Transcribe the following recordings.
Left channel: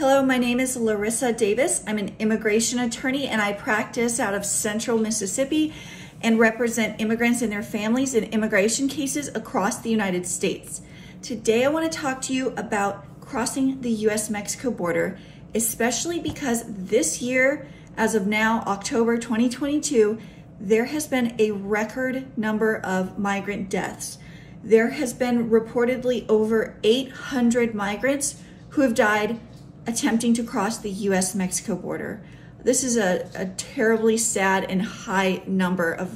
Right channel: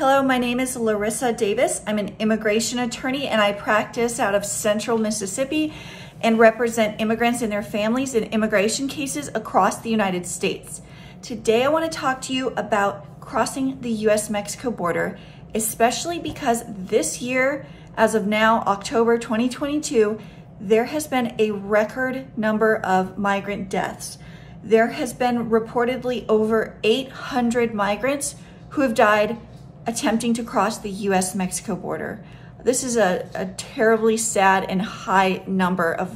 Hello, my name is Larissa Davis. I'm an immigration attorney and I practice out of Central Mississippi and represent immigrants and their families in immigration cases across the United States. Today I want to talk to you about crossing the U.S. Mexico border, especially because this year, as of now, October 2022, there has been a record number of migrant deaths. There has been reportedly over 800 migrants who have died attempting to cross the U.S. Mexico border. This is a terribly sad and high number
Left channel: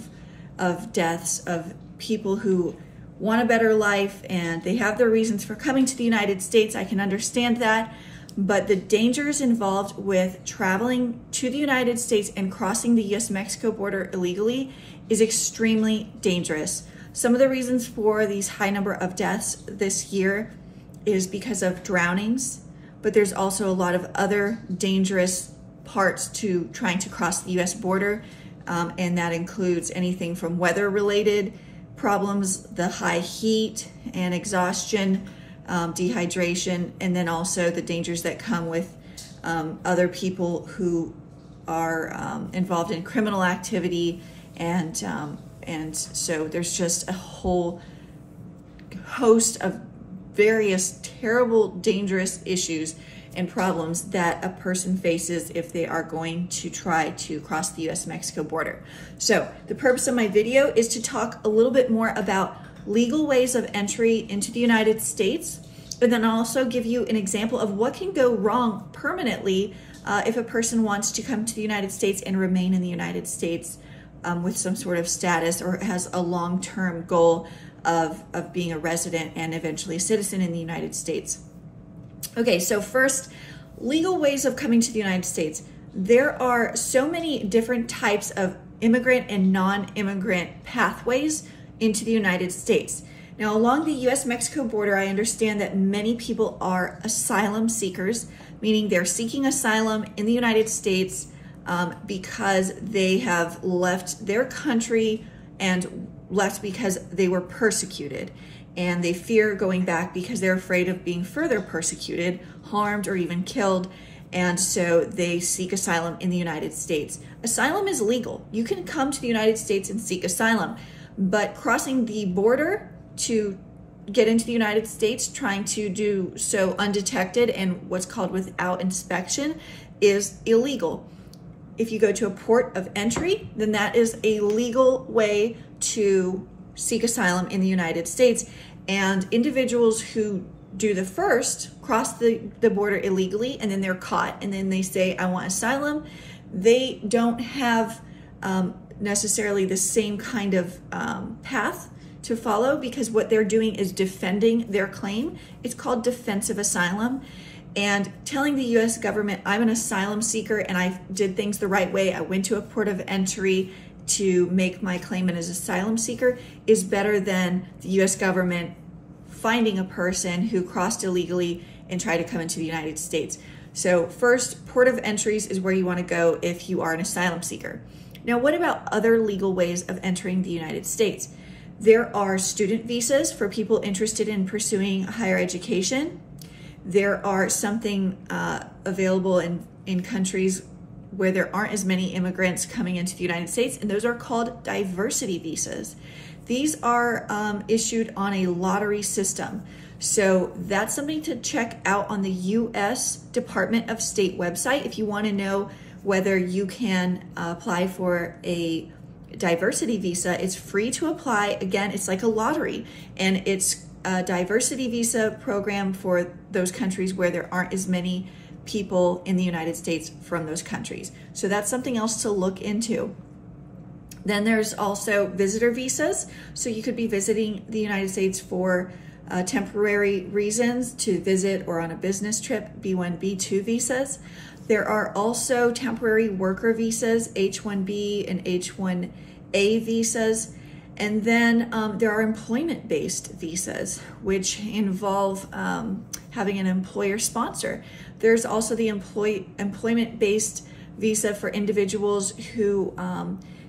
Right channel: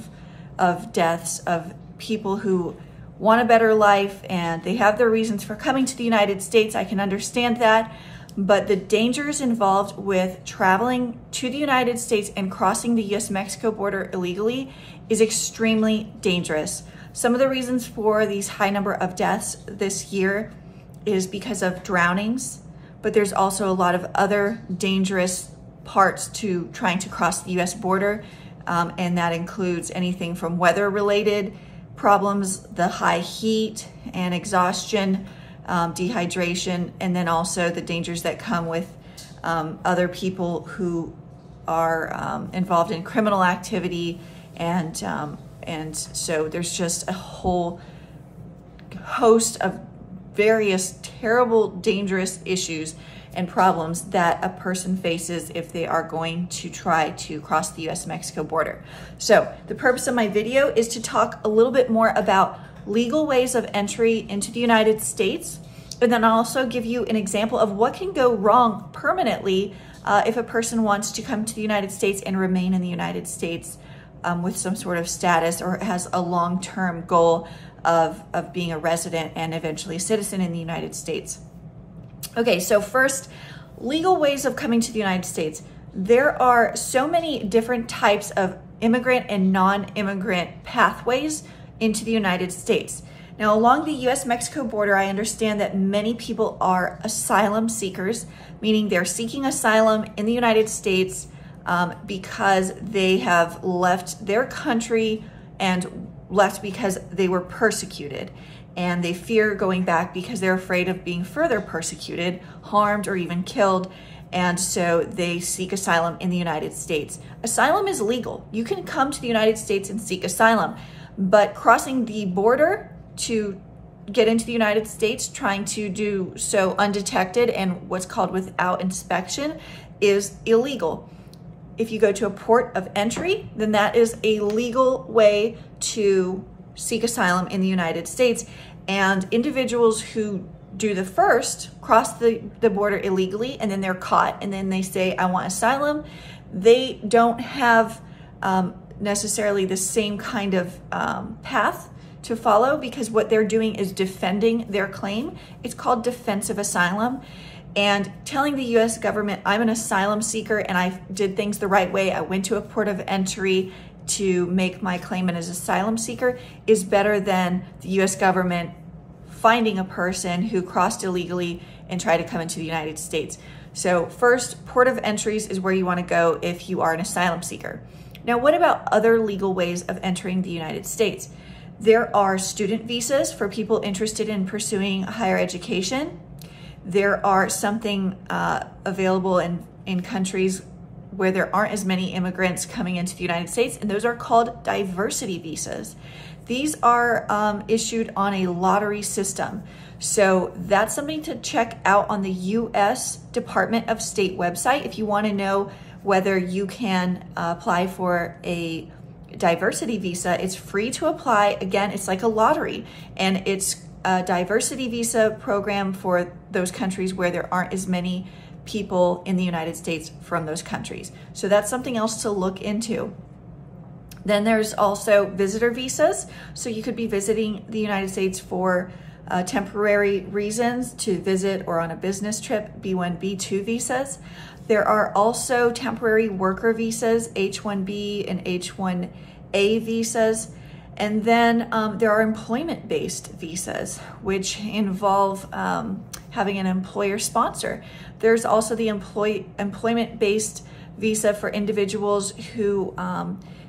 of deaths of people who want a better life and they have their reasons for coming to the United States. I can understand that, but the dangers involved with traveling to the United States and crossing the U.S. Mexico border illegally is extremely dangerous. Some of the reasons for these high number of deaths this year is because of drownings, but there's also a lot of other dangerous parts to trying to cross the U.S. border, and that includes anything from weather-related problems, the high heat and exhaustion, dehydration, and then also the dangers that come with other people who are involved in criminal activity, and so there's just a whole host of various terrible, dangerous issues and problems that a person faces if they are going to try to cross the U.S. Mexico border. So the purpose of my video is to talk a little bit more about legal ways of entry into the United States, and then I'll also give you an example of what can go wrong permanently if a person wants to come to the United States and remain in the United States with some sort of status or has a long-term goal of being a resident and eventually a citizen in the United States. Okay, so first, legal ways of coming to the United States. There are so many different types of immigrant and non-immigrant pathways into the United States. Now, along the U.S. Mexico border, I understand that many people are asylum seekers, meaning they're seeking asylum in the United States because they have left their country and left because they were persecuted, and they fear going back because they're afraid of being further persecuted, harmed, or even killed, and so they seek asylum in the United States. Asylum is legal. You can come to the United States and seek asylum, but crossing the border to get into the United States, trying to do so undetected and what's called without inspection, is illegal. If you go to a port of entry, then that is a legal way to seek asylum in the United States. And individuals who do the first, cross the border illegally, and then they're caught, and then they say, I want asylum, they don't have necessarily the same kind of path to follow, because what they're doing is defending their claim. It's called defensive asylum. And telling the U.S. government, I'm an asylum seeker and I did things the right way, I went to a port of entry to make my claim as an asylum seeker, is better than the U.S. government finding a person who crossed illegally and tried to come into the United States. So first, port of entries is where you want to go if you are an asylum seeker. Now, what about other legal ways of entering the United States? There are student visas for people interested in pursuing higher education. There are something available in countries where there aren't as many immigrants coming into the United States, and those are called diversity visas. These are issued on a lottery system. So that's something to check out on the U.S. Department of State website if you want to know whether you can apply for a diversity visa. It's free to apply. Again, it's like a lottery, and it's a diversity visa program for those countries where there aren't as many people in the United States from those countries. So that's something else to look into. Then there's also visitor visas. So you could be visiting the United States for temporary reasons to visit or on a business trip, B1, B2 visas. There are also temporary worker visas, H1B and H1A visas. And then there are employment-based visas, which involve having an employer sponsor. There's also the employment-based visa for individuals who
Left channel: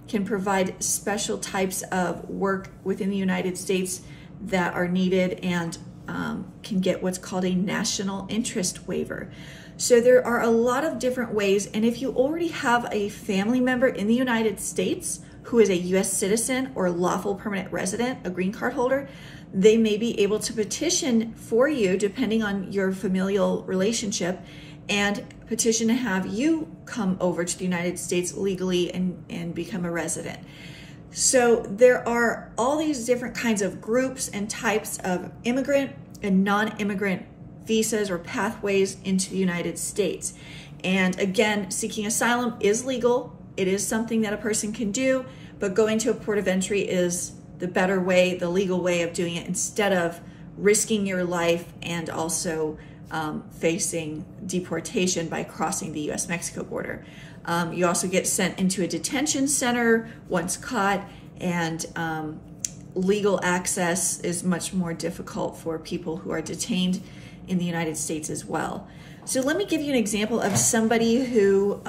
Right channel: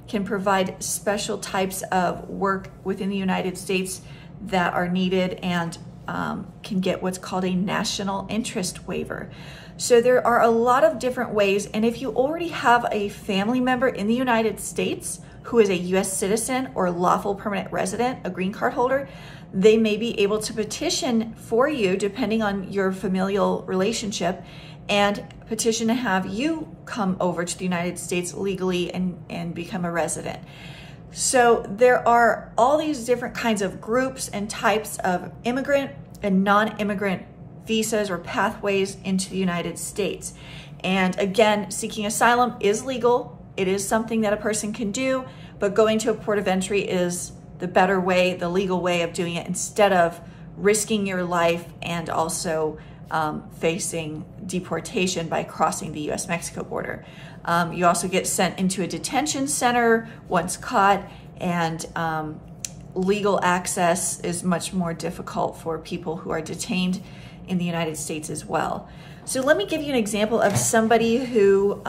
can provide special types of work within the United States that are needed and can get what's called a national interest waiver. So there are a lot of different ways, and if you already have a family member in the United States who is a U.S. citizen or lawful permanent resident, a green card holder, they may be able to petition for you, depending on your familial relationship, and petition to have you come over to the United States legally and become a resident. So there are all these different kinds of groups and types of immigrant and non-immigrant visas or pathways into the United States. And again, seeking asylum is legal. It is something that a person can do, but going to a port of entry is the better way, the legal way of doing it, instead of risking your life and also facing deportation by crossing the U.S. Mexico border. You also get sent into a detention center once caught, and legal access is much more difficult for people who are detained in the United States as well. So let me give you an example of somebody who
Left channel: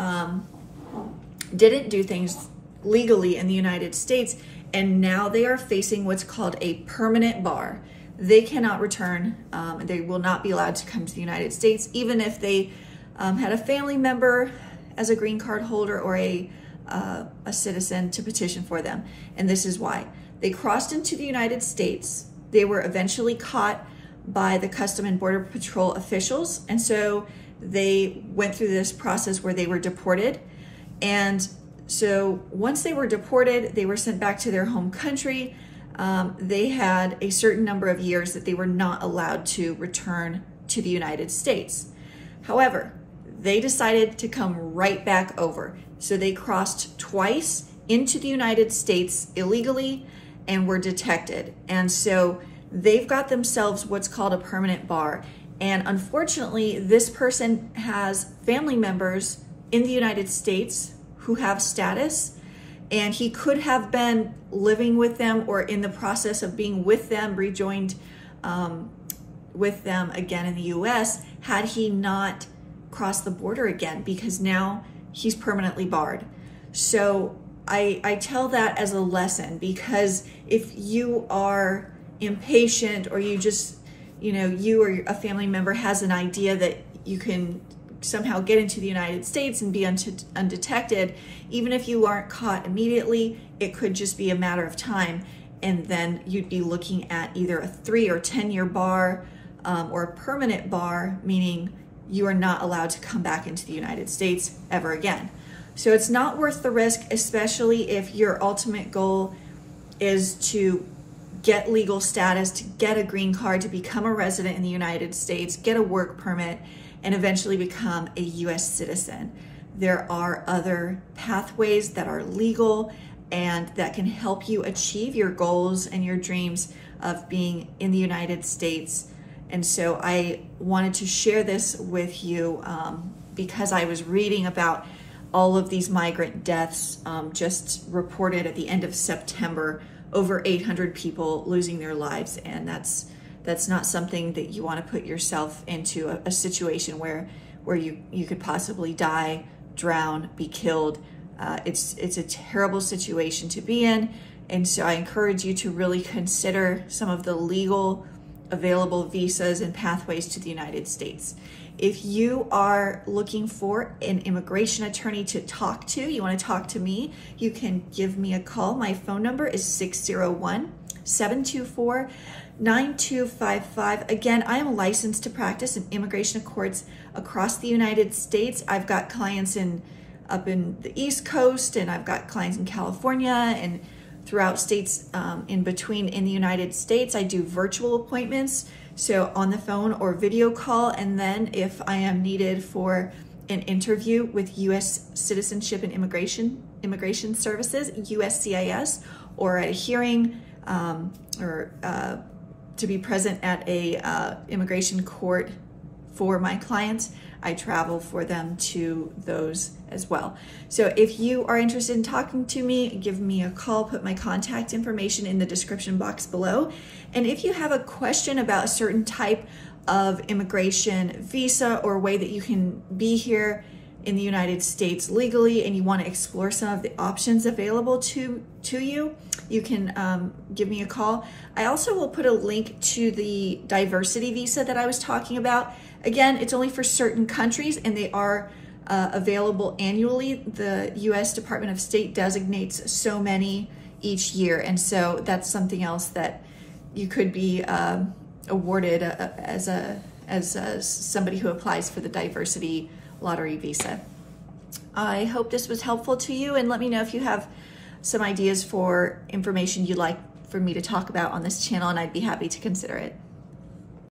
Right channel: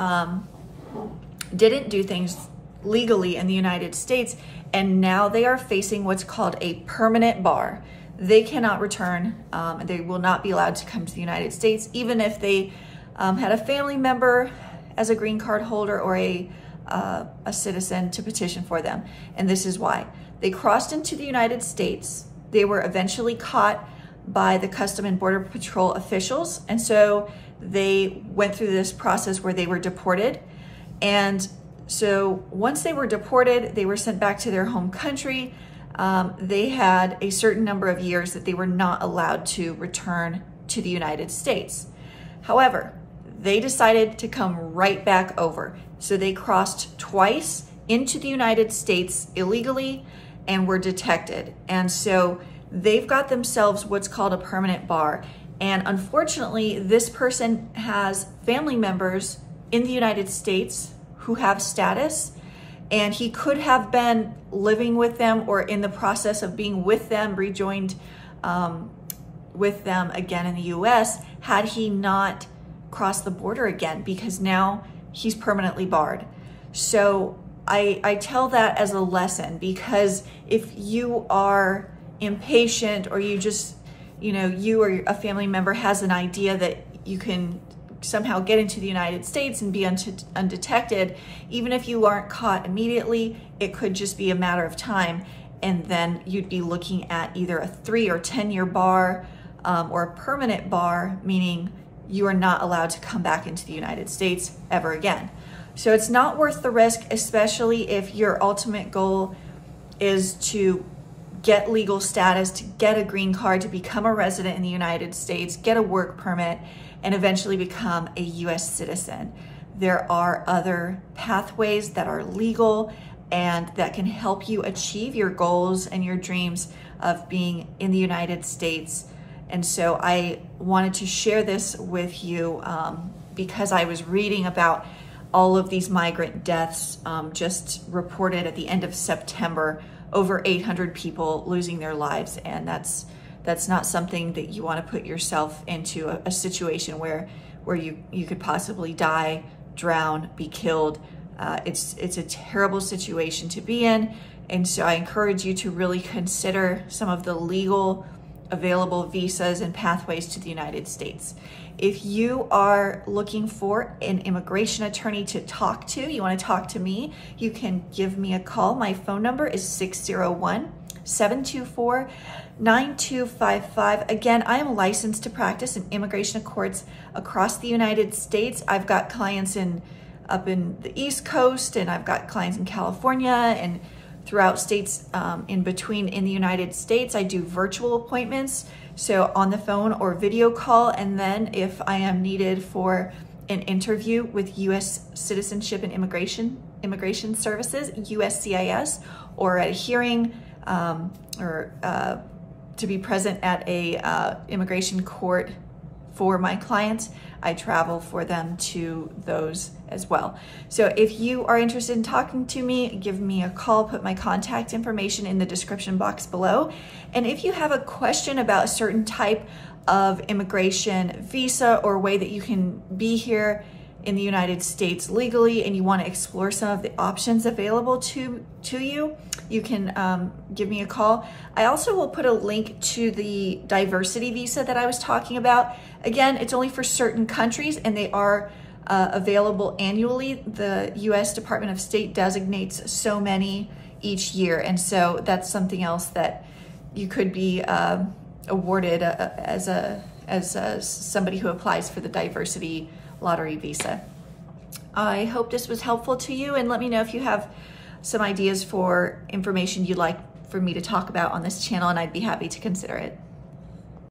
didn't do things legally in the United States, and now they are facing what's called a permanent bar. They cannot return, they will not be allowed to come to the United States, even if they had a family member as a green card holder or a citizen to petition for them. And this is why. They crossed into the United States. They were eventually caught by the Custom and Border Patrol officials. And so they went through this process where they were deported. And so once they were deported, they were sent back to their home country. They had a certain number of years that they were not allowed to return to the United States. However, they decided to come right back over. So they crossed twice into the United States illegally and were detected. And so they've got themselves what's called a permanent bar. And unfortunately, this person has family members in the United States who have status, and he could have been living with them or in the process of being with them, rejoined with them again in the US, had he not crossed the border again, because now he's permanently barred. So I tell that as a lesson, because if you are impatient, or you just, you or a family member has an idea that you can somehow get into the United States and be undetected, even if you aren't caught immediately, it could just be a matter of time. And then you'd be looking at either a 3 or 10 year bar or a permanent bar, meaning you are not allowed to come back into the United States ever again. So it's not worth the risk, especially if your ultimate goal is to get legal status, to get a green card, to become a resident in the United States, get a work permit, and eventually become a US citizen. There are other pathways that are legal and that can help you achieve your goals and your dreams of being in the United States. And so I wanted to share this with you because I was reading about all of these migrant deaths just reported at the end of September, over 800 people losing their lives. And that's not something that you want to put yourself into, a situation where you could possibly die, drown, be killed. It's a terrible situation to be in. And so I encourage you to really consider some of the legal available visas and pathways to the United States. If you are looking for an immigration attorney to talk to, you want to talk to me, you can give me a call. My phone number is 601-724-9255. Again, I am licensed to practice in immigration courts across the United States. I've got clients up in the East Coast, and I've got clients in California and throughout states in between in the United States. I do virtual appointments, so on the phone or video call. And then if I am needed for an interview with U.S. Citizenship and Immigration Services, USCIS, or at a hearing or to be present at a immigration court for my clients, I travel for them to those as well. So if you are interested in talking to me, give me a call, put my contact information in the description box below. And if you have a question about a certain type of immigration visa or way that you can be here in the United States legally and you want to explore some of the options available to you, you can give me a call. I also will put a link to the diversity visa that I was talking about. Again, it's only for certain countries and they are available annually. The U.S. Department of State designates so many each year, and so that's something else that you could be awarded as somebody who applies for the diversity lottery visa. I hope this was helpful to you, and let me know if you have some ideas for information you'd like for me to talk about on this channel, and I'd be happy to consider it.